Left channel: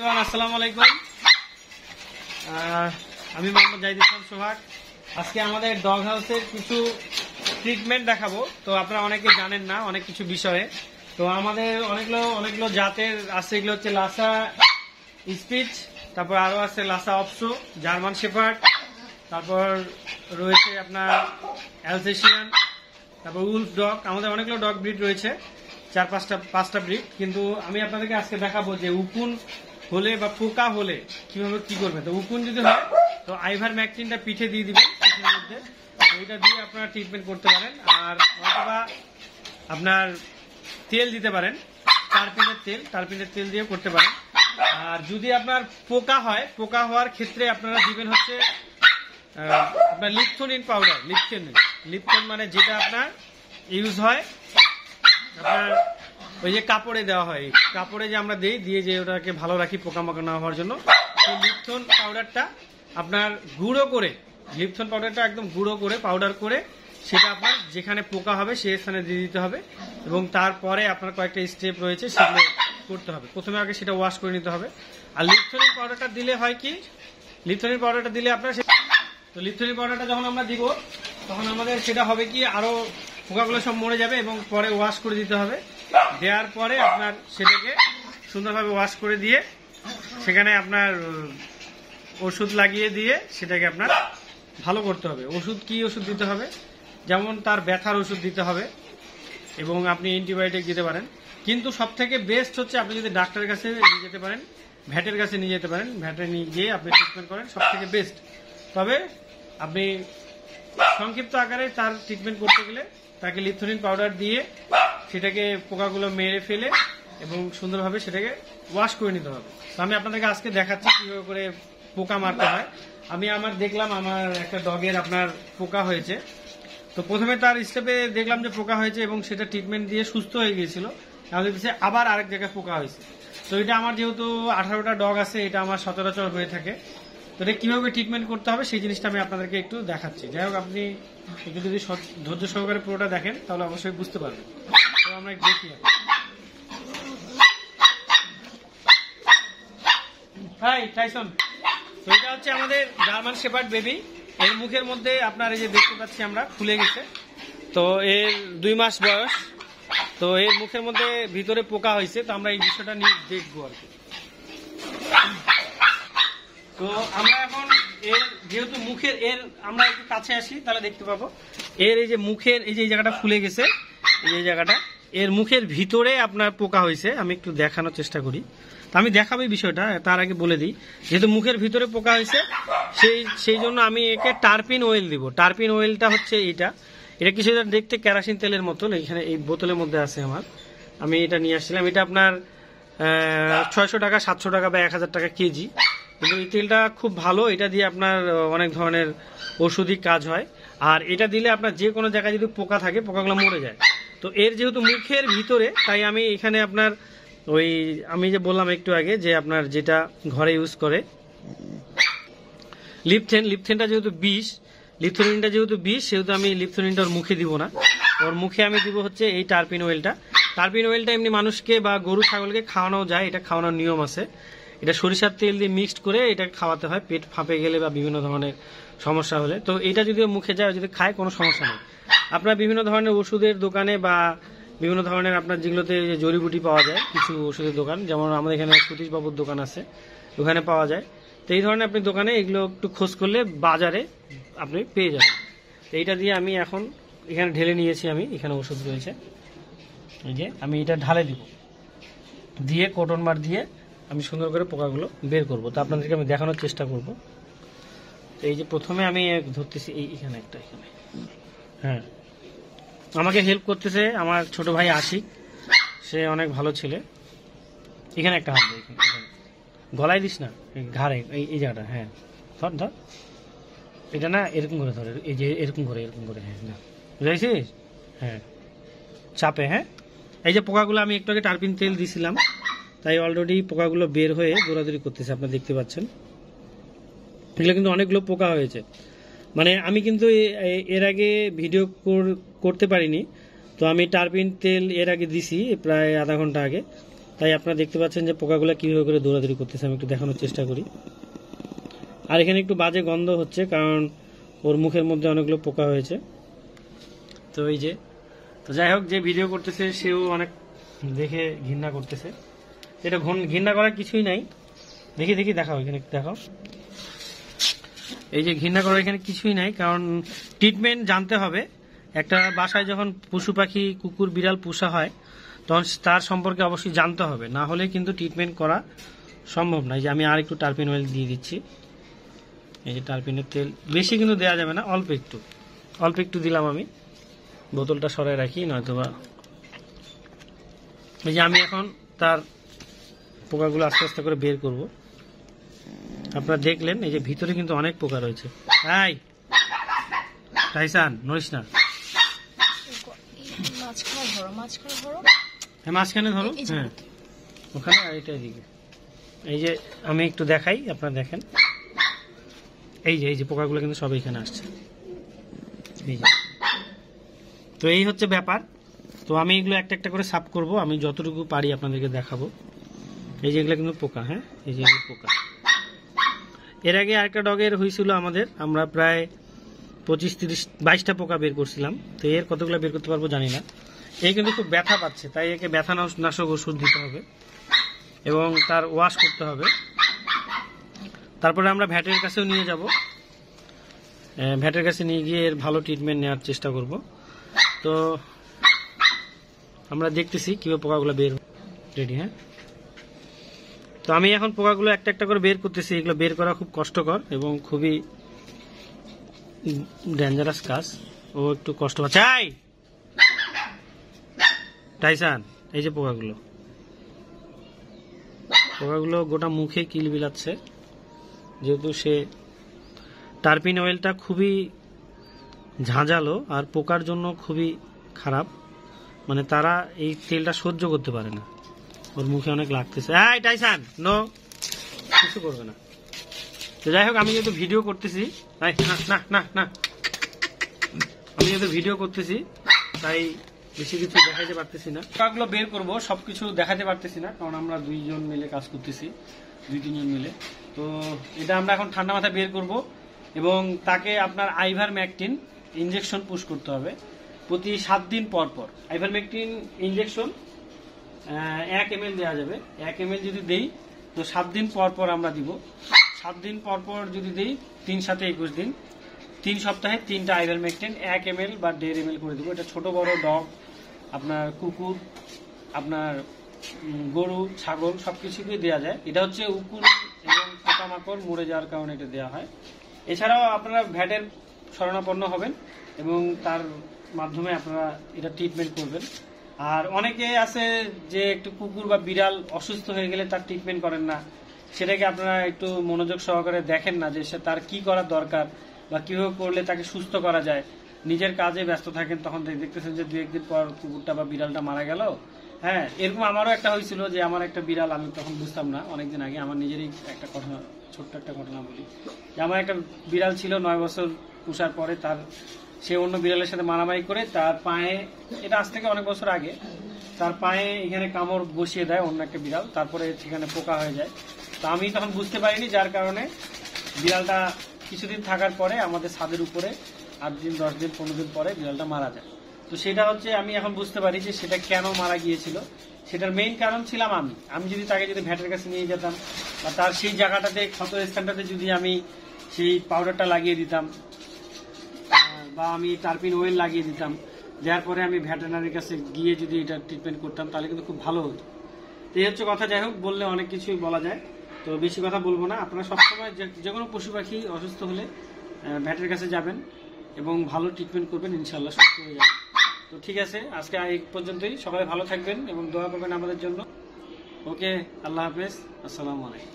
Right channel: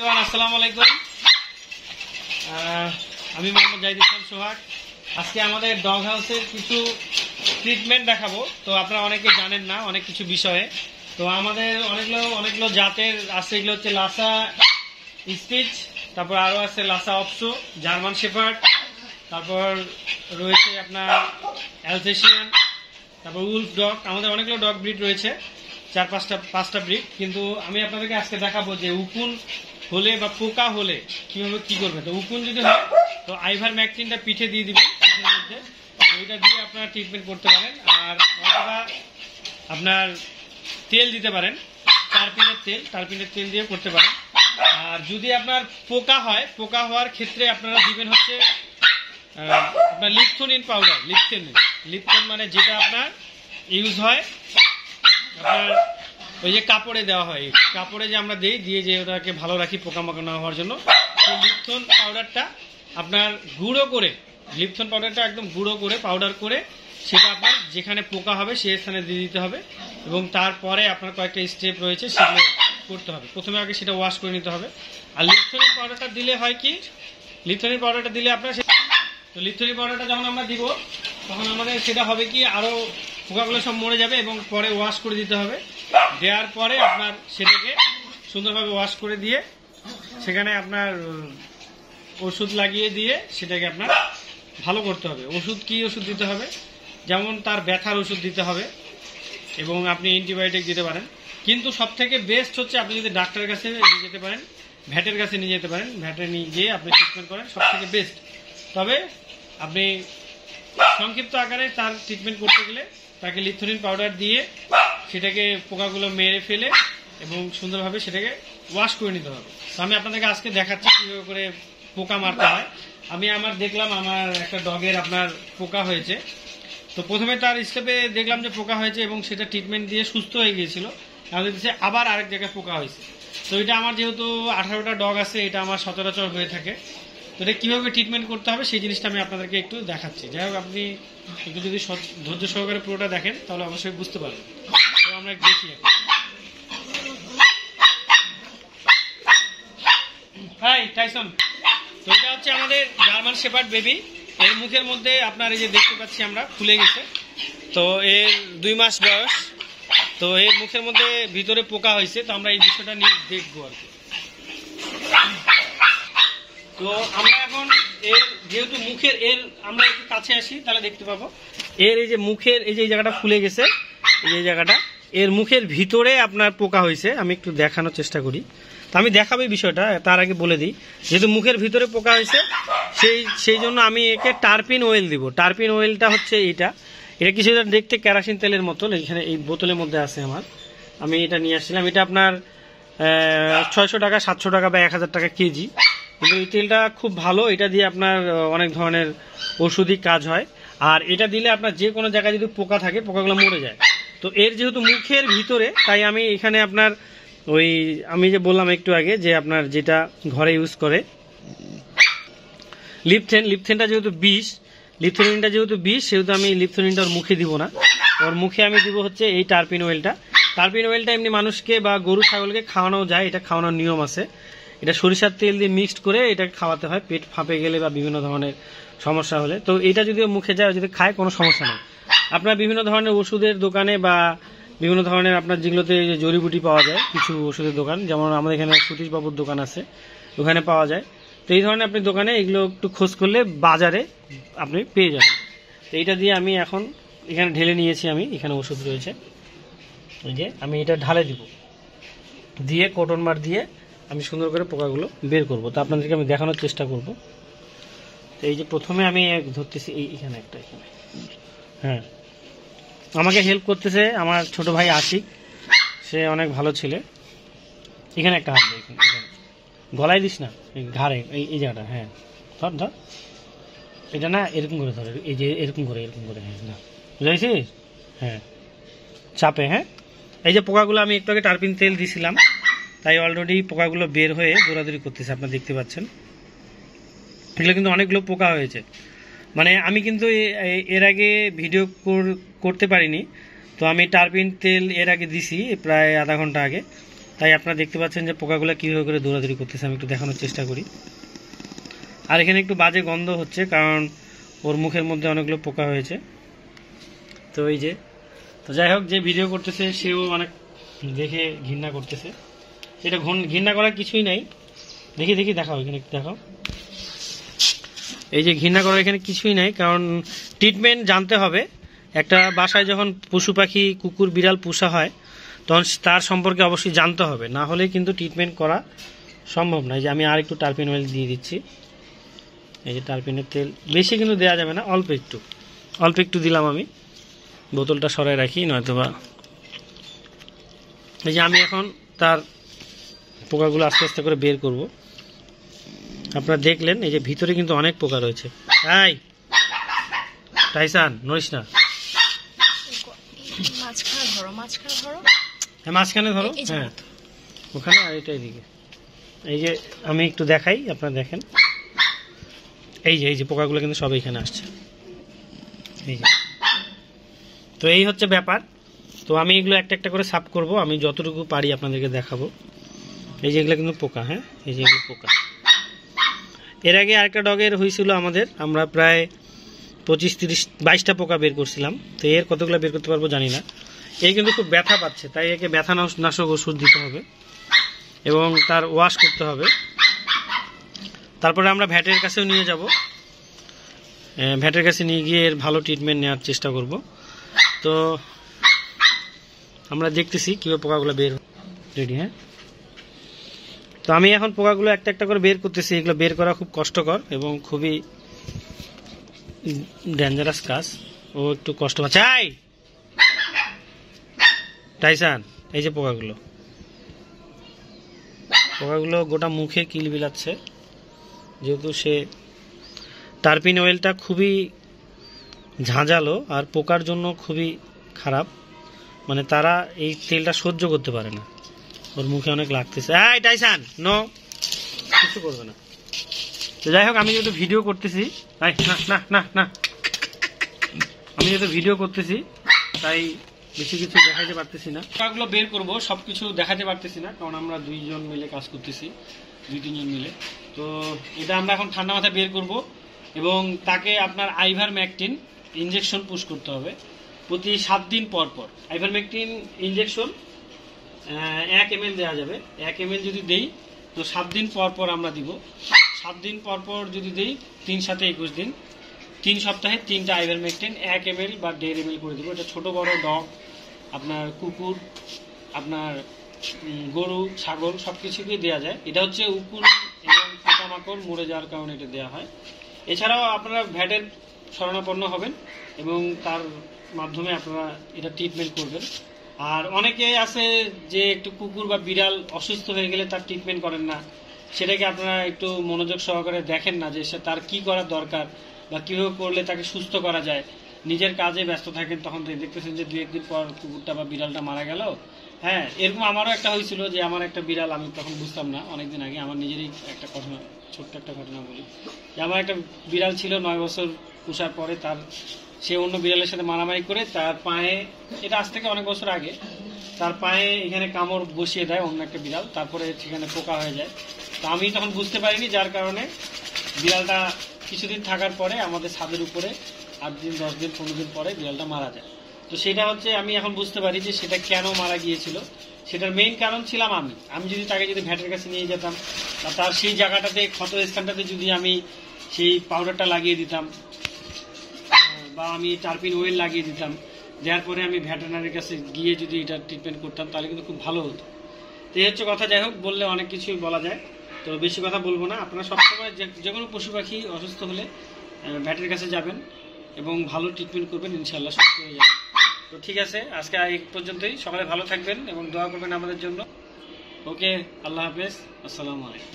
আসসালামু আলাইকুম। আমি মোহাম্মদ জাহিদ ইসলাম সোহাগ। আজকে আমাদের ডগ হাউসের কিছু ট্রিটমেন্ট দেখাবো। তো আপনারা অনেকে জানেন না অনেক কিছু বিষয়ে। তো আমাদের অনেকগুলো জাতের আছে। এগুলো হচ্ছে লাসা স্পিচ, তারপর আরও আছে লাসা অপসো, জার্মান শেফার্ড, তারপর রয়েছে আপনার অ্যালসেশিয়ান, তারপর উলফ ডগ। আমাদের অনেকগুলো ডগ ব্রিড রয়েছে, পাঁচটা ব্রিড। কিন্তু আমি আপনাদেরকে আজকে দেখাবো যে উকুন হলে বা পোকা হলে কিভাবে কি করবে। তো উকুন যদি হয় তো আইভার ম্যাকটিনটা পিঠে দিয়ে দিবেন, পিঠের মধ্যে ওইটা দিয়ে আপনারা ট্রিটমেন্ট করতে পারেন। আর অথবা আপনার তেল দিতে পারেন, টারপিনের তেল দিয়ে করতে পারেন। আর যদি আপনার পোকা হয়, পোকা হওয়ার ক্ষেত্রে আপনারা দিবেন হচ্ছে আপনার লিপথোনিন পাউডার। লিপথন মানে যেটা আপনার ইউজ হয় আপনার ওই যে কাপড়ে দেওয়া হয়, কাপড়ে যে আমরা দিয়ে যে ওটাকে ভালো রাখি পোকামাকড় না হওয়ার জন্য। সেই লিপথন পাউডারটা আপনার গুঁড়ো করে, লিপথন পাউডারটা একদম গুঁড়ো করে পাউডার করে সেটা আপনার যেখানে পোকা হবে সেই স্থানে দিয়ে দিতে হবে। এবং তারপরে আপনার কয়েকটা স্টেপ রয়েছে সেগুলো করতে হবে। প্রথমে আগে সেটা ওয়াশ করে নিতে হবে। আর লিপথনিন পাউডারটা দিলে হয় কি, লিপথনিন পাউডারটা দিলে আপনার তো লিপথনিন পাউডারটা যখন আমরা দিব তখন আমাদের সেটা হবে কি আরও পোকাগুলো সব মরে যাবে এবং পরে ওয়াশ করে দিতে হবে। দেওয়ার পরে আপনার সেটাকে সুন্দরভাবে ওয়াশ করে দিয়ে সেখানে আপনার ওষুধ লাগিয়ে দিয়ে সেটাকে আপনার ভালো করতে হবে। কি ওষুধ দিতে হবে, যেমন তার ব্যথার ওষুধ দিতে হবে এবং আপনি অ্যান্টিবায়োটিক দিতে পারেন। কিন্তু সব থেকে বেস্ট হচ্ছে আপনি যদি ডাক্তারের কাছে নিয়ে যেতে পারেন, ভ্যাটের কাছে নিয়ে যেতে পারেন, ভ্যাটে নিয়ে গিয়ে আপনি ট্রিটমেন্ট করেন, সব থেকে বেস্ট। তবে আপনি সংক্ষিপ্ত আকারে তার ট্রিটমেন্ট করতে গেলে তাকে লিপথনিন পাউডার দিয়ে সেটাকে পোকাগুলো মেরে ফেলে এবং সুন্দরভাবে সেটাকে ওয়াশ করে নিতে হবে। তো আমি আপনাদেরকে আজকে দেখাচ্ছি কীভাবে করে পোকা মারতে হয়। আমি দেখলাম আমার একটা ডগের আপনার পোকা হয়েছে। তো প্রথমে তার স্টেপে দেখলাম যে পোকা হয়েছে এবং সেটা ট্রিটমেন্ট দিয়ে সুস্থ হয়ে গিয়েছিল। আমি দেখছি আবার আরেক জায়গায় পোকা হয়েছে। তো এটা আমার যেহেতু 18টা ডগ আছে, এটা আমার সচরাচর হয়ে থাকে। তো এটা কীভাবে ট্রিটমেন্ট করতে হবে সেই জিনিসটা আমি আপনাদেরকে একটু দেখাচ্ছি। যাই হোক, আপনি একটু যদি ধৈর্য সহকারে পুরোটা দেখেন তাহলে অবশ্যই বুঝতে পারবেন। তো আমরা দেখি হাই টাইসন। তো এটা হচ্ছে আমাদের জার্মান শেপার্ড বেবি। এর মুখের মধ্যে আপনার এই যে দেখতে পাচ্ছি আমরা ফুলে গেছে। তো এর 2 মাস বয়স। তো এর মুখের মধ্যে ভিতরে পোকা হয়েছে। তো আমরা এই বিষয়টা নিয়ে দেখবো আর কি। তো আমরা এখন এর যেহেতু মুখের আমরা একটু কাছে আসি তাহলে দেখতে পাবো এর এই যে মুখের এই যে জায়গাটা ফুলে গেছে, এই জায়গাটা এর মুখের ভিতরে আপনার পোকা হয়েছে। আমি একটু দেখানোর চেষ্টা করি। তো আমি দেখাবো এই বিষয়টা, তার আগে বলে দিই যেহেতু মুখের ভিতরে পোকা হয়েছে সেই জন্য আমি একে টারপিন অয়েল দিব। টারপিন অয়েলটা হচ্ছে এটা কিছু দেখতে কেরোসিন তেলের মতো, এখানে এই বোতলের মধ্যে আছে আমি এটা নিয়ে আসছিলাম। এটা আপনার 600 টাকা, 700 টাকা বা 1000 টাকা কেজি। কিন্তু এই তেলটা খুব ভালো, এটা দিয়ে আপনার অনেক ধরনের ওষুধি কাজ হয়। আর এটা দিলে আপনার যে কোনো জায়গায় যদি পোকা থাকে পোকাগুলো মরে যায়। তো এর যেহেতু মুখের ভিতরে, তাই আমি এখানে আপনার আমি যে বললাম একটু আগে যে আপনার যেটা ঘরে ইউজ করে লিপথেনটা যেহেতু লিপথনিনটা যেহেতু বিষ, সেহেতু আমি লিপথনিনটা ওর মুখে দিব না। ওর মুখে আমি দিব হচ্ছে এই টারপিন অয়েলটা। টারপিন অয়েলটা এমনি মানুষকে বা গরু ছাগলকে খাওয়ানো যায়, এটা খাওয়ানোর নিয়ম আছে। এটা সরিষার তেল দিয়ে মিক্সড করে এটা খাওয়াতে হয় পেট ফাঁপে গেলে বা বিভিন্ন ধরনের সমস্যা হলে। তো এটা যদি মুখে যায়, যদি খায় কোনো সমস্যা নেই। আপনার বিভিন্ন ধরনের ওষুধের দোকানে বা বিভিন্ন ধরনের আপনার যেগুলোতে জড়িবুটি পাওয়া যায়, কিছু ওষুধের দোকান, যেমন আমাদের এখানে সতীশবাবুর দোকান আছে, ওখানে পাওয়া যায়। তো এই ধরনের আপনি দোকানে এগুলো একটু খোঁজ করলে বাজারে আপনি পেয়ে যাবেন। তো এইটা দিয়ে আমি এখন এখানে ঢেলে নিয়েছি, এখানে ওষুধ রয়েছে। এই যে আমি এটা ঢালে দিব, দিয়ে কটন বার দিয়ে আমি সুন্দর করে পোকাগুলো বের করব। তো আপনাদেরকে আমি দেখানোর চেষ্টা করব। এই যে প্রথমে আমি ধরতেছি এখানে একটা, হ্যাঁ আমাকে হেল্প করতেছে আমার ছোট ভাই আশিক, সে অনেক ভালো ছেলে। এখানে একটা হাত এখানে গলায় দিস না, ঘাড়ে এই জায়গাটা, হ্যাঁ ধর এটা না এরকম করে ধরে, এই যে এরকম করে হ্যাঁ না বুঝাইছিস, হ্যাঁ চাপে, হ্যাঁ। এই যে পোকাগুলো আমি একটু আগে টারপিন তেল দিয়েছিলাম, তাই অলরেডি পোকাগুলো বের হয়ে দৌড়াদৌড়ি করতেছে, আপনারা দেখতে পাচ্ছেন। এগুলো কিন্তু অনেকগুলো পোকা হয়েছে। মানে আমি কিন্তু এর আগে ভিডিও করতে পারিনি। তো আমি টারপিন তেল এর আগে দিছি প্রায় আধা ঘন্টা আগে। তাই আপনারা দেখতে পাচ্ছেন যে পোকাগুলো কীভাবে করে দৌড়াদৌড়ি করতেছে। আমি একটু দেখানোর চেষ্টা করি। আর এখানে একটু বাজে গন্ধ হচ্ছে, কারণ ওর মুখের মধ্যে অনেকগুলো পোকা হয়েছে। তো এই যে, তো যাই হোক, যে ভিডিও করতেছে সেও অনেক দেখে ঘৃণা করতেছে। এটা ঘৃণা করার কিছুই নাই। দেখি দেখাও, এখানে একটু দেখাও। এই যে ঘৃণা করার এখানে কিছুই নাই, কারণ ট্রিটমেন্ট জানতে হবে। একটা বাসায় যখন পশু পাখি, কুকুর, বিড়াল পোষা হয়, তখন তার সম্পর্কে অবশ্যই জানতে হবে, না হলে কিন্তু ট্রিটমেন্ট করা সম্ভব নয়। যে আমি আর একটু টার্পিন অয়েল দিয়ে দিচ্ছি। এই যে টার্পিনের তেল বেশি কিন্তু দেওয়া যাবে না, অল্প একটু দিলাম আমি। বোতলটা সরাই রাখি, নয়তোবা। এই যে আমি এখন তার পোকাগুলো আস্তে আস্তে করে বের করব। আপনারা দেখলেন এই যে ভিতরে কিন্তু অনেক পোকা রয়েছে। এই টাইসান, নড়িস না, মাঝখানে ধরো। হ্যাঁ, ওখানে আর এটা এদিকে। এই যে আমি একটু দেখাই, আপনারা দেখেন। এই যে পোকাগুলো কিন্তু সব এখানে আসছে। তো এই হচ্ছে ব্যাপার। তো আমি এগুলো একটা একটা করে সাফ করব, আমি যতটুকু পারি আপনাদেরকে দেখাবো। এই যে এগুলো কিন্তু পোকা, হ্যাঁ, এই যে এগুলো পোকা। এর আগে আরেকটা ডগের হয়েছিল আমাদের, আমরা প্রায় 25-30-22টা পোকা বের করছিলাম। তো এর কতগুলো বের করতে পারবো জানি না। এই কিন্তু খুব ব্যথা পাচ্ছে, তাই একে ব্যথা নাশক ওষুধ দিতে হবে এবং তার ওয়াশ করতে হবে। তারপরে আমরা ভ্যাটের কাছেও নিয়ে যাব। ভ্যাটের কাছে নিয়ে গিয়ে এর ভালো ট্রিটমেন্ট নেওয়ার চেষ্টা করব। তো আমরা দেখতেছি কীভাবে পোকাগুলো বের রেডি। হ্যাঁ, তো আমি এখন পোকাগুলো একটা একটা করে বের করতেছি। এগুলো বের করা খুব কষ্টকর এবং খুবই ডেঞ্জারাস কাজ। ও একটু কষ্ট পাচ্ছে। টাইসান, এই যে পোকাগুলো গোটা মুখে কিল বিলাচ্ছে, যেহেতু সে টার্পিন অয়েলটা খুবই ঝাঁঝালো আর পোকার জন্য খুবই খারাপ। মানে তারা এই তেলটা সহ্য করতে পারে না। ওর মুখে অনেক লাগতেছে। টাইসান, নো, কিছু করবে না। তো যাই হোক, আমি যেহেতু ভিডিও করতেছি, তাই বেশি কিছু দেখাতে পারতেছি না। পোকাগুলো বের করবো, সবকিছু দেখাতে পারতেছি না, কারণ আমরা 2 জন মিলে কাজ করতেছি, 2-3 জন মিলে। তো এটা আমরা এখন ঠান্ডা মাথায় বের করব এবং তাকে আপনার আইভারমেকটিন ইনজেকশন পুশ করতে হবে প্রতি 7 দিন পর পর। আইভারমেকটিন ইনজেকশন 1 ml দেওয়া যাবে। 1 ml যদি দেই তো 7 দিন পর পর আমরা দিব। 7 দিন পর পর যদি দেই, 3-7-21 দিন, 3 সপ্তাহে 3টা আইভারমেকটিন 1 ml বা 1.5 ml করে দেবো। এটা ছোট বড় ডগ, আপনার কুকুর, আপনার গরু, ছাগল সবকিছুকেই দেওয়া যায়। এটা হচ্ছে উকুন এবং পোকামাকড় মরে যাওয়ার কারণে এটা দেওয়া হয়। এছাড়াও আপনারা ভ্যাটের শরণাপন্ন হবেন এবং তার মাধ্যমে আপনারা এটা ট্রিটমেন্ট করবেন। আর অনেকে আছে যে একটু কুকুর বা বিড়াল অসুস্থ হয়ে গেলে তার ট্রিটমেন্ট করেন না, সেটাকে আপনারা একটু মনোযোগ সহকারে দেখেন না যে সে তার কি করার দরকার বা কিভাবে করলে তাকে সুস্থ করা যায়। নিজের কাজে ব্যস্ত থাকেন, তখন দেখতেছেন যে 2-1 দিন পর কুকুরটা বা বিড়ালটা মারা গেল। হ্যাঁ, এরকম আমারও একটা হয়েছিল যে আমার একটা বিড়াল, আমি তখন বুঝতাম না, অনেকদিন আগে আমার নিজেরই একটা ঘটনা, ছোট্ট একটা ঘটনা বলি। যে আমার একটা বিড়াল ছিল, 9 বছর পোষার পরে সে অন্য বিড়ালের সাথে মারামারি করে তার পায়ে, এটা আজ থেকে অনেক বছর আগে, তার পায়ে এখানে কামড় বসিয়ে দেয় অন্য একটা বিড়াল, তারপরে সেখানে পোকা হয়ে যায়। তো আমি তখন বুঝতে পারিনি, যার কারণে বিড়ালটা কিছুদিন থাকার পরে আমাদের ছাদের উপরে 8 দিন 10 দিন 15 দিন পরে বিড়ালটা মারা যায়। তো সেটা হচ্ছে, আমি এখন বুঝতে পারি যে সেটা কেন মারা গিয়েছিল। সেটার মেইন কারণ ছিলাম আমি যদি তাকে ভ্যাটের কাছে নিয়ে যেতাম বা তার সেই জায়গাটাতে, ক্ষত স্থানটাতে যদি আমি সেই পাউডারটা লাগিয়ে দিতাম বা আমি টার্পিন অয়েল লাগিয়ে দিতাম, দেওয়ার পরে আমি ভেটেরিনারির কাছে গিয়ে যদি এটা ট্রিটমেন্ট করতাম, তাহলে কিন্তু খুব ভালো হতো। তো এই হচ্ছে কথা। যাই হোক, বললে অনেক কিছুই বলা যায়, তো বেশি কথা বলবো না। আপনারা সবসময় যে কোনো পশু পাখি অসুস্থ হলে ভ্যাটের কাছে যাবেন এবং ভালো ট্রিটমেন্ট করবেন, ইনশাল্লাহ সুস্থ হয়ে যাবেন। তো ঠিক আছে, আজকে এই পর্যন্তই। সবাই ভালো থাকবেন এবং দোয়া করবেন আমাদের জন্য। ওকে, আল্লাহ হাফেজ, আসসালামু আলাইকুম।